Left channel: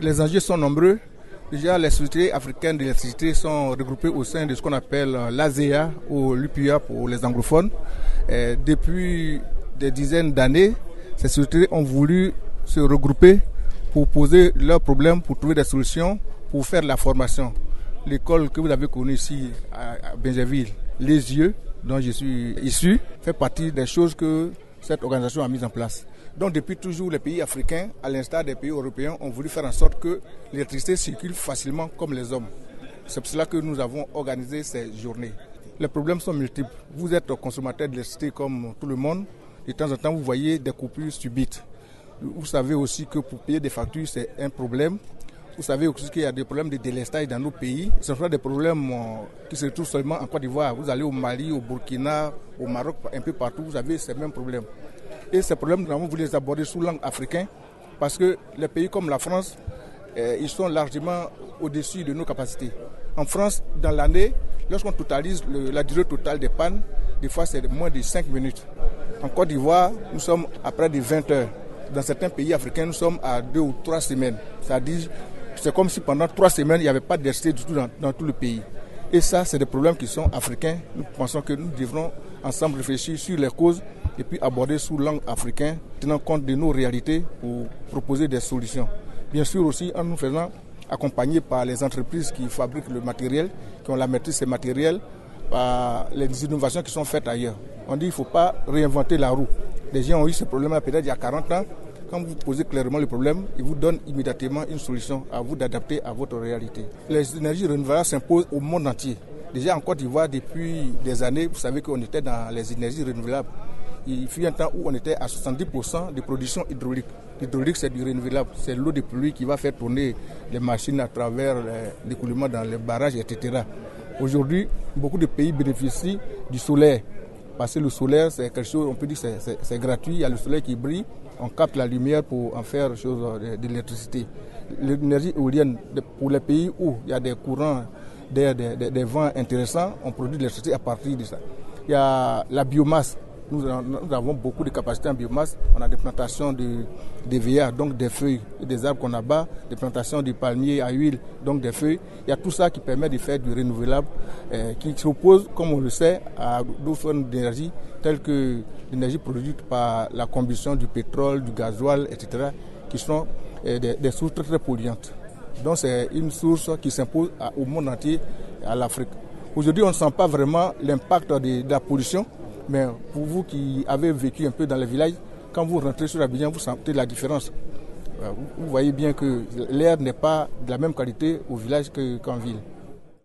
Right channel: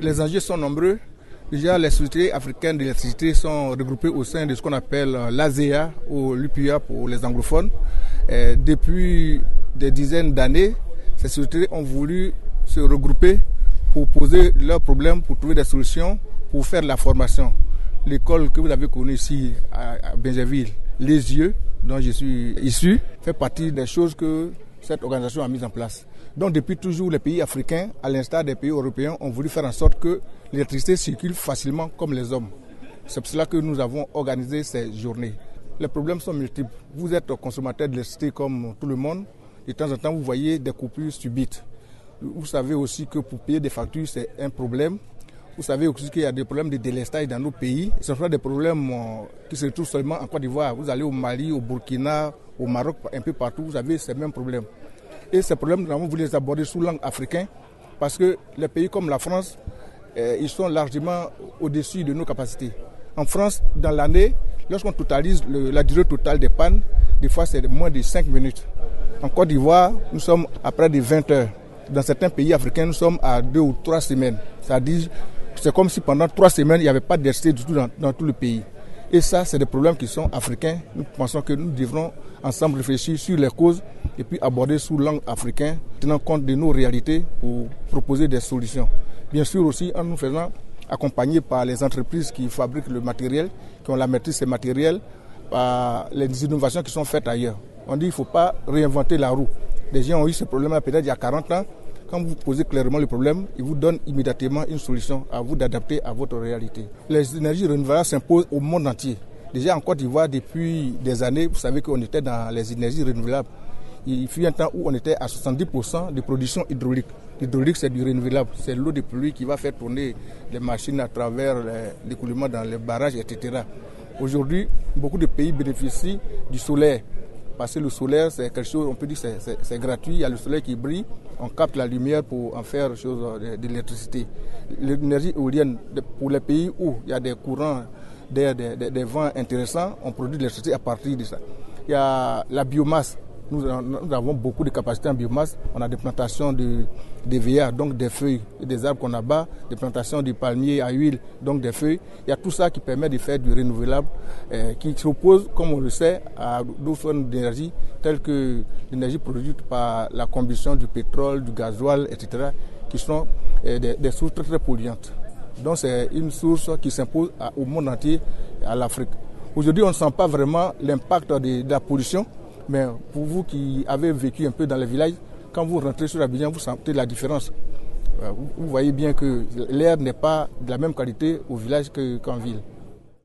Les enjeux sont nombreux. Déjà, les sociétés africaines d'électricité sont regroupées au sein de ce qu'on appelle l'ASEA ou l'UPIA pour les anglophones. Depuis des dizaines d'années, ces sociétés ont voulu se regrouper pour poser leurs problèmes, pour trouver des solutions, pour faire de la formation. L'école que vous avez connue ici à Bingerville, Les Yeux, dont je suis issu, fait partie des choses que cette organisation a mises en place. Donc depuis toujours, les pays africains, à l'instar des pays européens, ont voulu faire en sorte que l'électricité circule facilement comme les hommes. C'est pour cela que nous avons organisé ces journées. Les problèmes sont multiples. Vous êtes consommateur d'électricité comme tout le monde. De temps en temps, vous voyez des coupures subites. Vous savez aussi que pour payer des factures, c'est un problème. Vous savez aussi qu'il y a des problèmes de délestage dans nos pays. Ce sont des problèmes qui se retrouvent seulement en Côte d'Ivoire. Vous allez au Mali, au Burkina, au Maroc, un peu partout, vous avez ces mêmes problèmes. Et ces problèmes, nous avons voulu les aborder sous l'angle africain parce que les pays comme la France, ils sont largement au-dessus de nos capacités. En France, dans l'année, lorsqu'on totalise la durée totale des pannes, des fois c'est moins de 5 minutes. En Côte d'Ivoire, nous sommes à près de 20 heures. Dans certains pays africains, nous sommes à 2 ou 3 semaines. C'est-à-dire, c'est comme si pendant 3 semaines, il n'y avait pas d'électricité du tout dans tout le pays. Et ça, c'est des problèmes qui sont africains. Nous pensons que nous devrons ensemble réfléchir sur les causes et puis aborder sous l'angle africain, tenant compte de nos réalités pour proposer des solutions. Bien sûr aussi en nous faisant accompagner par les entreprises qui fabriquent le matériel, qui ont la maîtrise de ces matériels, par les innovations qui sont faites ailleurs. On dit qu'il ne faut pas réinventer la roue. Les gens ont eu ce problème peut-être il y a 40 ans. Quand vous posez clairement le problème, ils vous donnent immédiatement une solution à vous d'adapter à votre réalité. Les énergies renouvelables s'imposent au monde entier. Déjà en Côte d'Ivoire, depuis des années, vous savez qu'on était dans les énergies renouvelables. Il fut un temps où on était à 70% de production hydraulique. L'hydraulique, c'est du renouvelable. C'est l'eau de pluie qui va faire tourner les machines à travers l'écoulement dans les barrages, etc. Aujourd'hui, beaucoup de pays bénéficient du solaire. Parce que le solaire, c'est quelque chose, on peut dire que c'est gratuit. Il y a le soleil qui brille, on capte la lumière pour en faire chose de l'électricité. L'énergie éolienne, pour les pays où il y a des courants d'air, des vents intéressants, on produit de l'électricité à partir de ça. Il y a la biomasse. Nous avons beaucoup de capacités en biomasse. On a des plantations de VA, donc des feuilles et des arbres qu'on abat, des plantations de palmiers à huile, donc des feuilles. Il y a tout ça qui permet de faire du renouvelable, qui s'oppose, comme on le sait, à d'autres formes d'énergie, telles que l'énergie produite par la combustion du pétrole, du gasoil, etc., qui sont des sources très, très polluantes. Donc c'est une source qui s'impose au monde entier, à l'Afrique. Aujourd'hui, on ne sent pas vraiment l'impact de la pollution. Mais pour vous qui avez vécu un peu dans les villages, quand vous rentrez sur Abidjan, vous sentez la différence. Vous voyez bien que l'air n'est pas de la même qualité au village qu'en ville.